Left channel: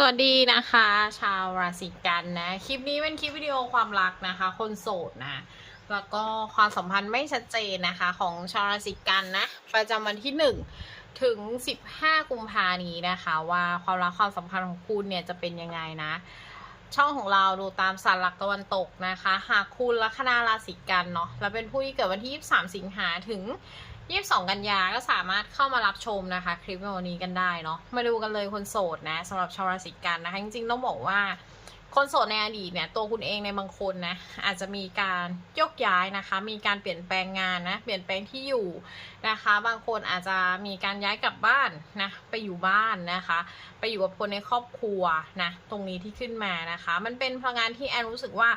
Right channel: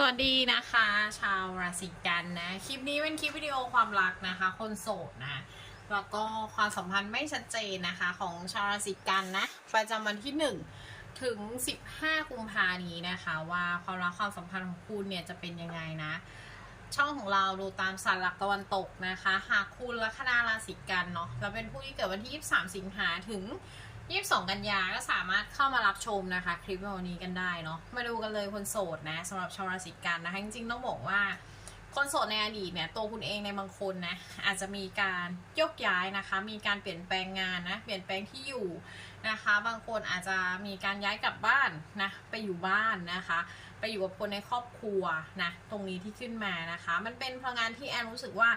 สวัสดีนะคะ ชาวราศีกันนะ คลิปนี้เป็นคลิปวิดีโอความรักนะคะ คนโสดนะ แล้วก็ความสัมพันธ์ไม่ชัดเจนนะคะ ของชาวราศีกันนะ ประจำวันที่ 1 ถึง 15 กุมภานี้นะคะ ว่าความรักความสัมพันธ์ของคุณเนี่ยจะเป็นยังไงนะ ช่องของเราดูตามสันหลักตะวันตกนะคะ หากคุณลัคนาราศีกันเนาะแล้วเป็นผู้ที่เกิดวันที่ 23 สิงหาถึง 22กันยาก็สามารถเข้ามารับชมนะคะ คลิปในวันนี้กันได้เนาะมาดูกันเลยคนโสดนะสำหรับชาวราศีกันนะคะจริงๆต้องบอกว่า คนโสดในอดีตเนี่ยตัวคุณเองในบางคนนะอาจจะมีการยกย้ายนะคะ มีการเปลี่ยนแปลงงานนะเปลี่ยนแปลงที่อยู่นะคะ บางคนอาจจะมีการย้ายกลับบ้านนะไปอยู่บ้านนะคะ ไปอยู่กับคนในครอบครัวนะตรงนี้ที่ขึ้นมานะคะ มันเป็นพลังงานที่แอนรู้สึกว่า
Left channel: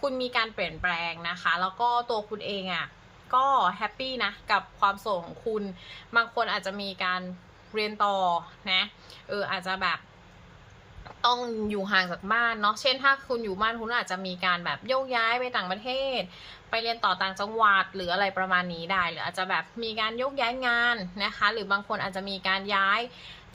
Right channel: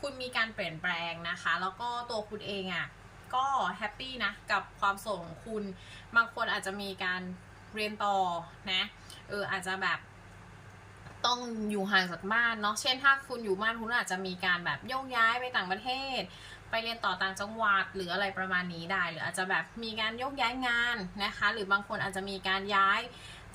คุณมีการเปลี่ยนแปลงนะคะ แล้วก็ตัวคุณเองอะ่ะ ก็แฮปปี้นะกับความโสดของคุณ บางคนอาจจะมีการเรียนต่อนะเอออาจจะแบบต้องอยู่ห่างจากบ้านเนาะ เช่นถ้าคุณอยู่บ้านคุณอาจจะมีการแบบโยกย้ายไปต่างประเทศ ไปเรียนต่อต่างจังหวัดหรืออะไรประมาณนี้ได้ หรืออาจจะแบบมีการโยกย้ายงานนะคะ หรือบางคนอาจจะมีการย้าย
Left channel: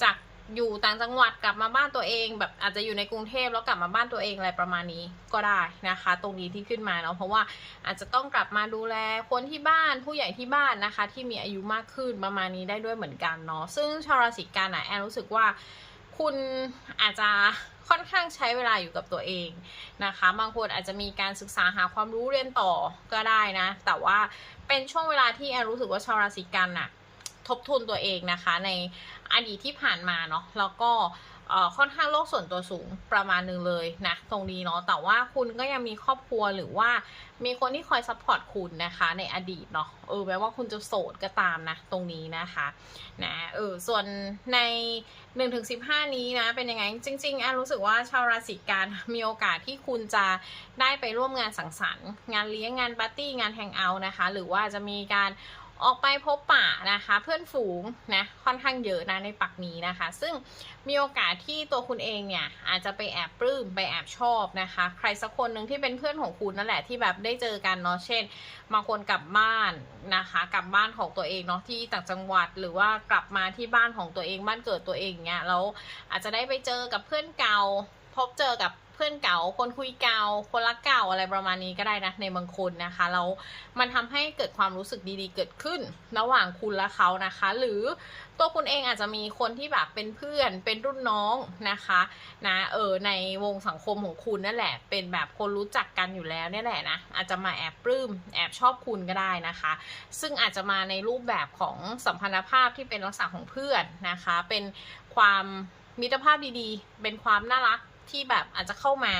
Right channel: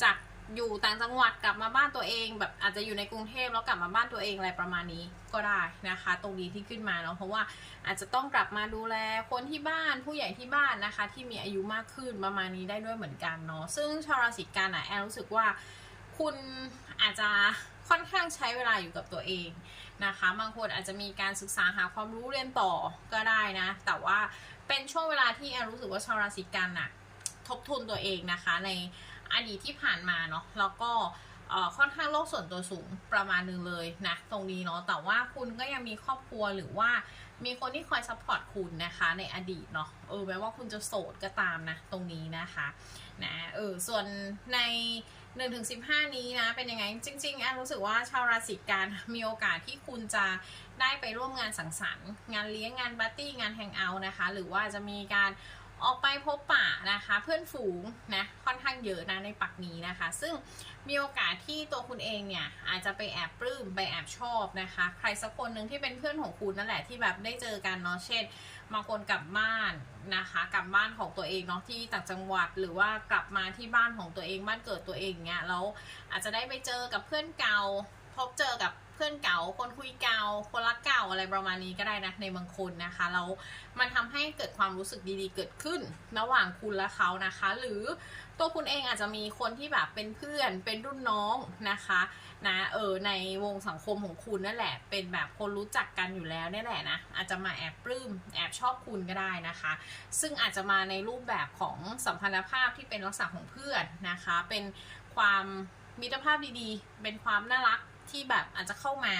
จาก อยู่ต่างจังหวัดกลับมาบ้านตัวเอง แบบอาจจะอยู่ในกรุงเทพแล้วกลับมาบ้านตัวเองอะไรประมาณนี้ก็ได้นะคะ ตรงนี้ที่ขึ้นมาเนาะเพราะว่าอาจจะต้องกลับมาดูแลคนที่บ้านผู้ใหญ่ที่บ้านนะคะ ที่มีอายุมากขึ้นประมาณนี้ได้ด้วยเหมือนกันเนาะซึ่งชาวราศีกันอะแอนรู้สึกว่าคุณอาจจะค่อนข้างใช้เวลาอยู่กับตัวเองนะคะ บางคนอาจจะมีการศึกษาหาความรู้เรียนต่อก็ได้นะ แต่ว่าเป็นช่วงเวลาที่แอนรู้สึกว่าชาวราศีกันน่ะทบทวนตัวเองนะคะใน อดีตที่ผ่านมาเนาะแล้วก็ค่อนข้างโลกส่วนตัวสูงประมาณหนึงเลยนะตรงนี้เนาะแต่ว่าคุณก็ยังมีครอบครัวหรือว่ามีคนที่คอยซัพพอร์ตคุณนะคะในอดีตเนาะเออแม้ว่าคุณจะโสดก็ตามนะตรงนี้นะคะนะเออส่วนใน1นถึงสินี้นะเป็นยังไงจริงๆแอนรู้สึกว่าชาวราศีกันมีโอกาสที่คุณจะได้ไปร่วมงานสังสรรค์ งานเลี้ยงงานปาร์ตี้งานแฮงเอาท์นะคะ หรือว่าจะมีการ ออกไปพบปะนะคะ เพื่อนฝูงนะค่อนข้างเยอะนะในปักนี้นะคะ ซึ่งมีโอกาสที่ตัวคุณเองเนี่ยอาจจะไปแอบปลื้มไปแอบชอบนะคะ ใครสักคนหนึ่งที่เป็นเพื่อนของคุณนั่นแหละที่แบบได้เจอกันเนาะเช่นบางคนกลับบ้านนะคะกลับบ้านของตัวเองเนาะที่ต่างจังหวัดหรือว่ากลับมาที่บ้านของตัวเองบ้านเกิดตัวเองเนี้ยแล้วอาจจะได้ไปเจอกับเพื่อนเก่าพบเจอกับ เพื่อนเก่า คนคุยเก่า คนรักเก่าอะไรประมาณนี้ก็ได้นะในบางคนนะคะแล้วมันทำให้เกิดความรู้สึกดีๆ เกิดขึ้น ระหว่างคุณและเขานะคะ หรือตัวคุณเองอาจจะมีคนที่แบบเป็นเพื่อนเป็นรุ่นน้องนะคะนะเออในวงสังคมของคุณนั่นแหละ เป็นแบบคนรู้จักกันอยู่แล้วนี่แหละนะอาจจะมาแอบปลื้มแอบชอบคุณก็ได้นะคะ ซึ่งอาจจะมาในรูปแบบของสัมพันธภาพที่เป็นลักษณะของเพื่อนนะคะ เป็นความมิตรภาพดีๆ เป็นความน่ารัก ที่แบบอาจจะเข้ามา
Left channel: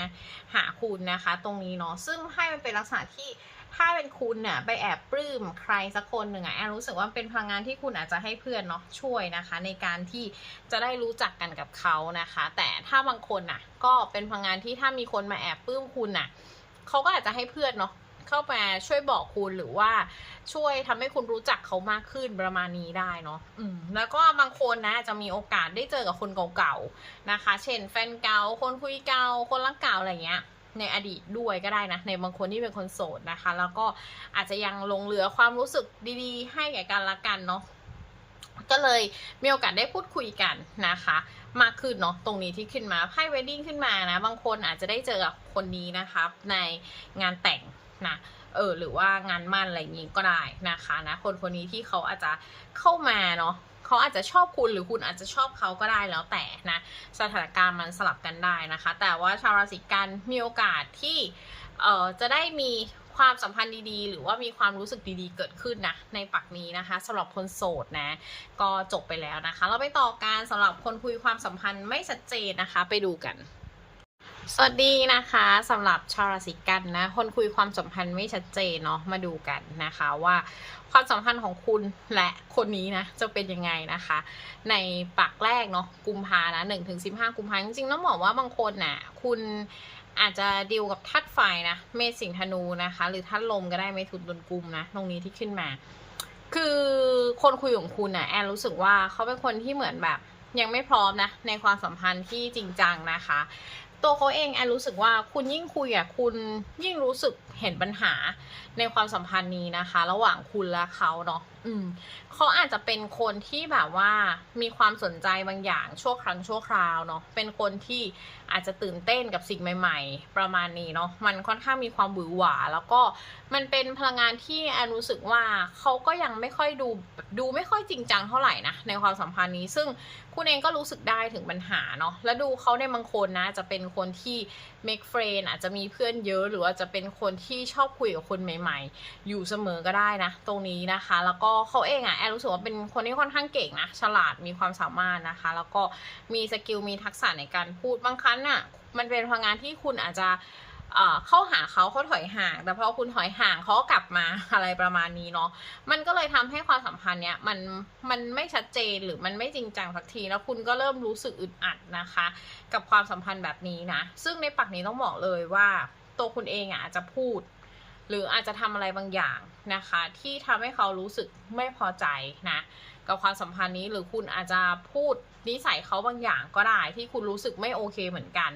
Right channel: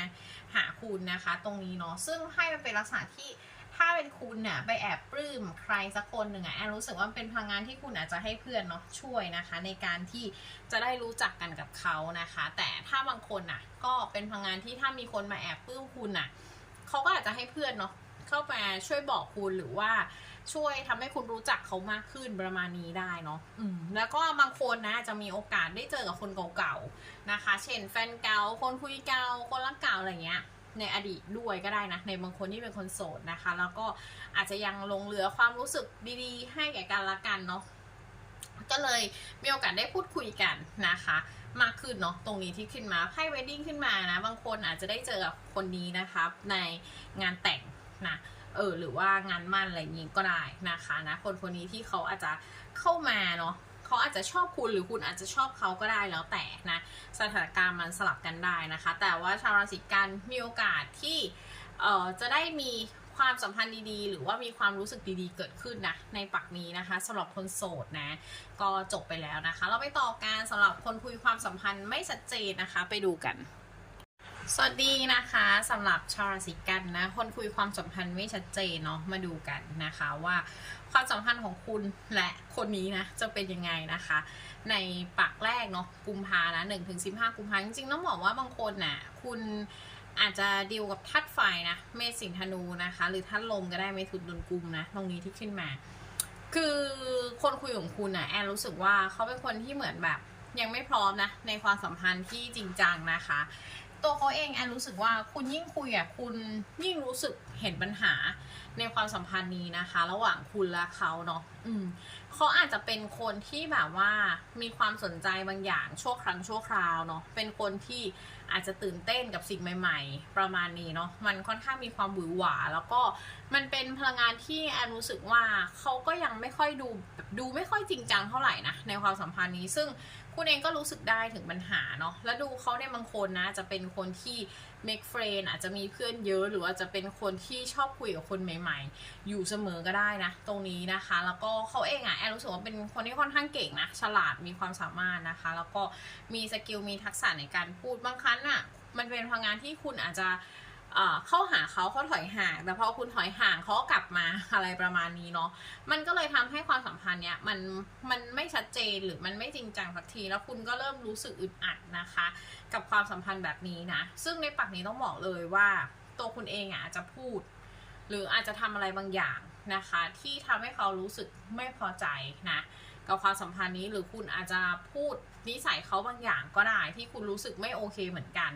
หาคุณนะคะ ตรงนี้เนาะซึ่งให้มันเป็นลักษณะที่ถ้าเป็นคุณเนี่ยไปแอบปลื้มใครสักคนหนึ่งอะแอนรู้สึกว่าเป็นพลังงานที่คุณอาจจะให้เพื่อนเนาะช่วยนะคะ ในการที่จะได้รู้จักกันกับเขานะคะ แต่ถ้าบางคนน่ะก็เป็นพลังงานที่ถ้ามีคนมาแอบปลื้มคุณน่ะเขาก็อาจจะให้เพื่อนเนาะ เข้ามาช่วยบอกคุณหรือว่าช่วยทำให้คุณรู้จักเขามากขึ้นประมาณนี้ได้เนาะอืมแล้วก็บางคนนะจะมีโอกาสได้เจอกับคนเก่าๆนะคะ เช่นแฟนเก่าคนคุยเก่าคนรักเก่าอะไรเงี้ยในอดีตด้วยก็ได้นะ ในบางคนที่เป็นคนโสดนะคะ แล้วก็อาจจะยังลงเหลือความรู้สึกดีๆ ให้แก่กันละกันเนาะก็เลยมีโอกาสได้พูดคุยกันนะคะ มากขึ้นเนาะตรงนี้ที่ขึ้นมาไพ่เวดดิ้งขึ้นมานะ บางคนอาจจะได้เจอกับคนนี้นะคะในงานแต่ง นะเออหรือว่างานมั่นอะไรนี้ก็ได้นะคะนะคนคนนี้ที่เขาอาจจะเข้ามาเนาะเขาอาจจะชอบคุณหรือคุณอาจจะชอบเขาก็ได้แล้วแต่นะสถานการณ์มันสลับกันได้นะคะ แต่ว่าชาวราศีกันมีโอกาสที่เออจะได้มีความสัมพันธ์ดีๆ หรือว่ามีความรู้สึกดีๆ เกิดขึ้นนะในปักนี้นะคะสำหรับคนโสดนะก็จบไปแล้วนะคะ เราไปต่อการสำหรับคนคุยความสัมพันธ์ไม่ชัดเจนนะคะ ไปดูกัน สวัสดีนะคะสำหรับชาวราศีกันนะ คนคุยความสัมพันธ์ไม่ชัดเจนเนาะมาดูกันนะคะว่าความสัมพันธ์ของคุณและคนนี้นะจะเป็นยังไงนะคะ ในปักแรกเนาะกุมภานะหนึ่งถึงสิบห้ากุมภาจริงๆต้องบอกว่าบางคนน่ะคุณอาจจะดีลกับทัดไฟนะเมษสิงธนูนะคะ หรือทัดลมก็ได้เมถุนดนกุมนะตรงนี้ที่ขึ้นมา คือคนคุยของคุณน่ะแอนรู้สึกว่าเขาเป็นคนที่เหมือนแบบยังไม่พร้อมนะในความสัมพันธ์ที่จริงจังนะคะ ตัวเขาเองแอนรู้สึกว่าคุณยิ่งคุยอะคุณยิ่งรู้สึกเห็นปัญหาในความสัมพันธ์นี้นะคะ ระหว่างคุณและเขาเนาะ อืมเขาอาจจะเป็นคนที่แบบว่ามีความสนใจบางอย่างชั่วครั้งชั่วคราวเนาะเป็นคนที่อาจจะตื่นเต้นกับสิ่งใหม่ ๆ ประมาณนี้เนาะมันค่อนข้างมีความหวือหวา แล้วก็มันเป็นพลังงานที่แอนรู้สึกว่าเขาก็ยังไม่ค่อยดูดูไม่ค่อยจริงจังเท่าไหร่นะในความสัมพันธ์นี้ ซึ่งคุณเองก็รู้สึกได้ถึงปัญหาเนาะแล้วดูเขาในบางคนนะจะเป็นคนที่ make friend อาจจะมีเพื่อนเยอะ หรือว่าจะเป็นคนที่ชอบคุยกับคนใหม่ ๆ อยู่เสมอก็ได้นะ ตรงนี้นะคะ แล้วก็เขาเองอะแอนรู้สึกว่าเป็นคนที่ค่อนข้างเก่งนะ ฉลาดมีความสามารถนะคะ แล้วก็มีสกิลมีทักษะในการพูดบางครั้งอะมันเป็นพลังงานที่คุณอาจจะเข้าหาเขาเขาถอยห่าง แต่พอคุณถอยห่างเขาก็กลับมาอะไรประมาณนี้เนาะมันก็เลยทำให้ความสัมพันธ์เนี้ยมันมันไม่ชัดเจนหรือมันไม่จริงจังสักที แล้วคุณก็เริ่มรู้สึกอึดอัดนะคะ กับความสัมพันธ์แบบนี้นะ ซึ่งในปักนี้ต้องบอกเลยว่า ตัวคุณเองอะอาจจะพูด หรืออาจจะทำอะไรบางอย่าง นะคะ ที่ทำให้เขารู้สึกไม่พอใจนะกับความสัมพันธ์นี้หรือคุณอาจจะพูดนิสัยเขาบางอย่างก็ได้ที่คุณรู้สึกไม่โอเคเหมือนกัน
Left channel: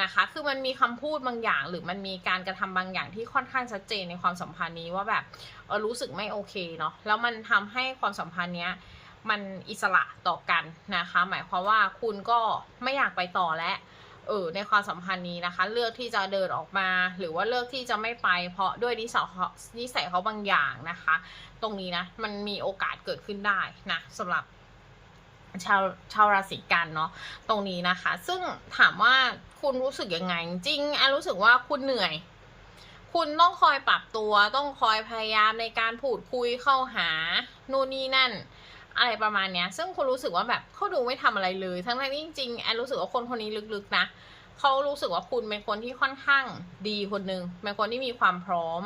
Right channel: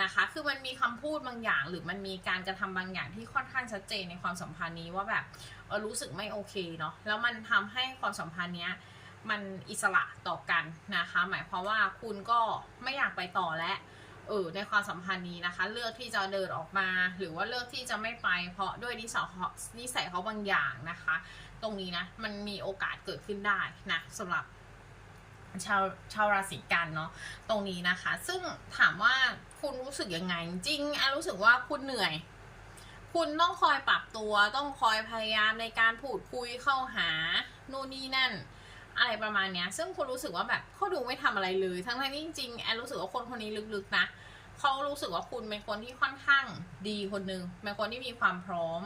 นะคะ คือมันมีคำพูดบางอย่าง หรือมันมีการกระทำบางอย่างที่ค่อนข้างชัดเจนในความสัมพันธ์นี้ว่าแบบเออรู้สึกไม่โอเคเนาะแล้วมันทำให้ความสัมพันธ์เนี้ยมันอิสระต่อกันนะคะ หมายความว่าคุณก็ไม่อยากไปต่อแล้ว เออในความสัมพันธ์นี้นะคะ เลือกที่จะเดินออกมา หรือว่าเลือกที่จะไม่ไป เพราะด้วยนิสัยเขานิสัยเขาบางอย่างนะคะ ตรงนี้นะมันมีโอกาสเกิดขึ้นได้นะสำหรับชาวชาวราศีกันเนาะตรงนี้นะคะ ซึ่งถามว่าคุณรู้สึกยังไง จริงอันรู้สึกว่าคุณเหนื่อย คุณต้องคอยปรับตัว ต้องคอยพยายามในการพูดคุยเข้าหา นู่นนี่นั่น อะไรประมาณเนี้ย ซึ่งคุณรู้สึกว่าแบบเขาดูไม่ทำอะไรเลย ทั้งที่จริงๆแอนรู้สึกว่าคนคนนี้ลึกๆนะเขารู้สึกว่าคุณเป็นคนที่ค่อนข้างดีคนหนึ่งเป็นคนที่มีความพร้อม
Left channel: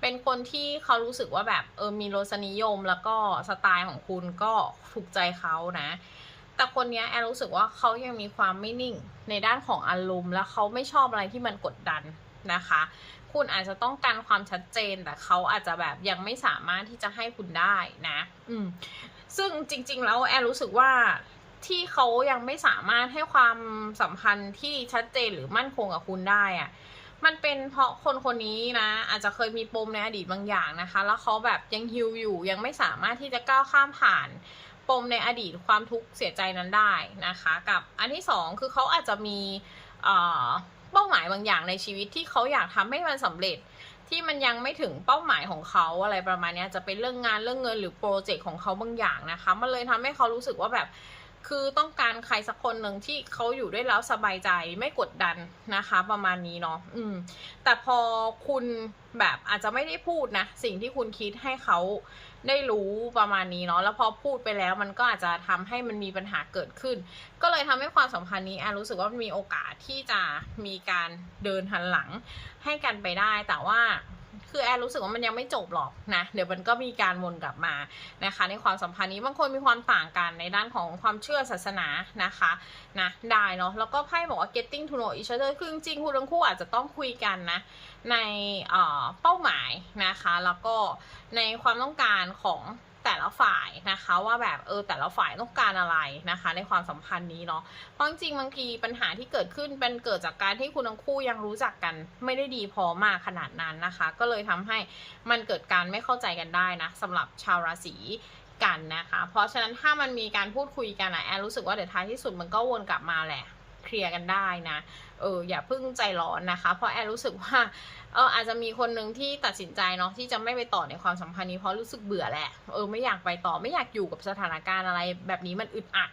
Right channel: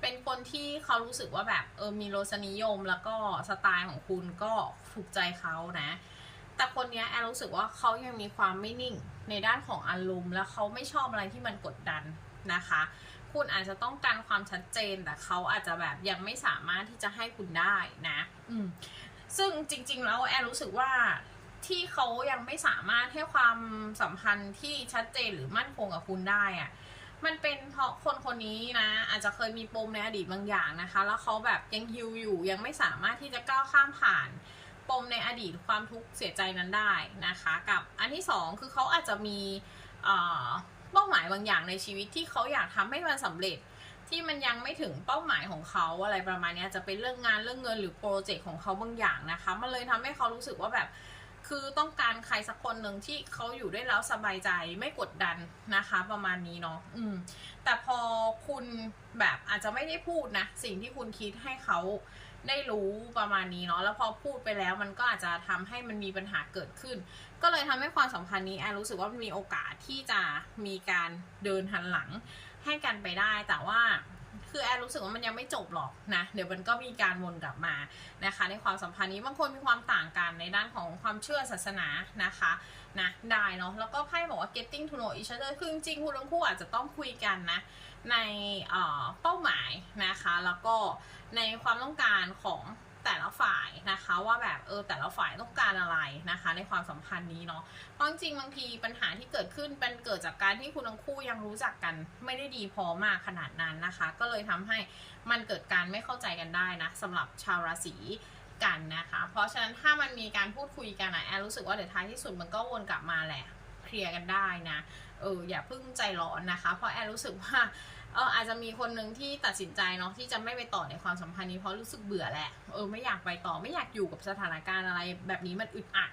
เป็นคนที่เขารู้สึกว่าแบบเออมีรสนิยมแล้วก็สไตล์ของคุณก็ถูกใจเขานะ แต่คนนี้แอนรู้สึกว่าเขายังมีความไม่นิ่งในด้านของอารมณ์และเขาไม่ชอบอะไรที่มันกดดันนะคะ คุณอาจจะต้องการความชัดเจนแต่เขาอาจจะแบบยังไม่สามารถที่จะให้คุณได้นะ อืม ซึ่งจริง ๆ แล้วแอนรู้สึกว่าที่เขายังไม่สามารถให้ความสัมพันธ์ที่ชัดเจนหรือมั่นคงกับคุณได้อะมันเป็นเพราะคนคนนี้นะ อาจจะเคยมีปมในอดีตบางอย่างนะคะ แล้วเขาแบบยังฮิวอยู่ยังไม่สามารถที่จะก้าวข้ามผ่านปมในอดีตความทุกข์เสียใจนั้นได้นะคะ กับอันที่สองคือเขาอาจจะมีเป้าหมายบางอย่างในชีวิตที่เขาอยากทำให้มันสำเร็จ ที่มันยังไม่ถึงเป้าหมายของเขาอะไรประมาณนี้จะเป็นเรื่องงานเรื่องเงินหรือโปรเจกต์ของเขาบางอย่างนะคะ มันเลยทำให้เขารู้สึกว่าแบบ คือต้องการใครสักคนหนึ่งที่เขาอยู่ด้วยแล้วสบายใจไม่กดดันนะคะ ประมาณนี้เนาะอืม แต่พอคุณแบบอาจจะไม่ได้พูดนะสิ่งที่คุณคิดให้เขาได้รู้ประมาณนี้เนาะแล้วพอพูดไปแล้วมันก็อาจจะทำให้มันมีปัญหาเกิดขึ้น ก็เลยทำให้ความสัมพันธ์นี้แอนรู้สึกว่ามันมีโอกาสที่จะมีการเดินหันหลัง ให้กันไปได้แต่ว่าคือแอนรู้สึกว่ามันยังไม่จบหรอกนะ เดี๋ยวมันก็มีการวนกลับมานะคะ ในความสัมพันธ์นี้บางคนมีความต่างกันในด้านของความเชื่อศาสนานะคะนะได้เนาะแล้วก็ไพ่บอกว่า getting to know each other คือจริงๆคุณทั้งคู่อาจจะต้องคุยกันนะในเอ่อเป้าหมายนะคะ แล้วก็ในความต้องการของ แต่ละฝ่ายนะคะว่าแบบเออแต่ละฝ่ายต้องการอะไรนะคะ ในความสัมพันธ์นี้เนาะเพราะจริงๆบางทีปัญหาที่เกิดขึ้นเป็นเกิดจากการที่คุณทั้งคู่ยังรู้จักกันไม่ได้ดีพอมากขนาดนั้นนะคะ ก็เลยทำให้มันเกิดการไม่เข้าใจกันได้นะสำหรับชาวราศีกันนะคะ เพราะฉะนั้นถ้ามันมีการพูดคุยกันอะแอนรู้สึกว่าเดี๋ยวท้ายที่สุดมันก็วนกลับมาแหละเคลียร์กันได้นะเอออย่าเพิ่งใจร้อนนะคะ เพราะแอนรู้สึกว่า เอออาจจะมีคนหนึ่งที่ตัดสินใจเนาะที่จะไม่ไปต่อในความสัมพันธ์นี้เพราะรู้สึกเบื่อแหละเออไม่อยากไปต่อไม่อยากอยู่กับสถานการณ์อะไร แบบนี้มันอึดอัด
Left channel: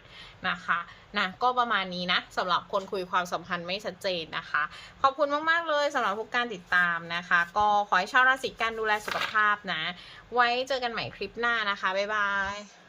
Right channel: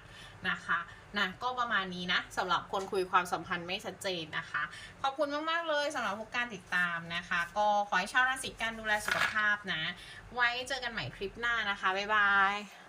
นะคะนะก็ประมาณนี้นะสำหรับคนคุยความสัมพันธ์ไม่ชัดเจนนะคะ ขอบคุณมากๆเลยสำหรับทุกการติดตามนะคะ ก็ขอให้ชาวราศีกันดูแลสุขภาพนะ ไว้เจอกันใหม่คลิปหน้านะคะบ๊ายบาย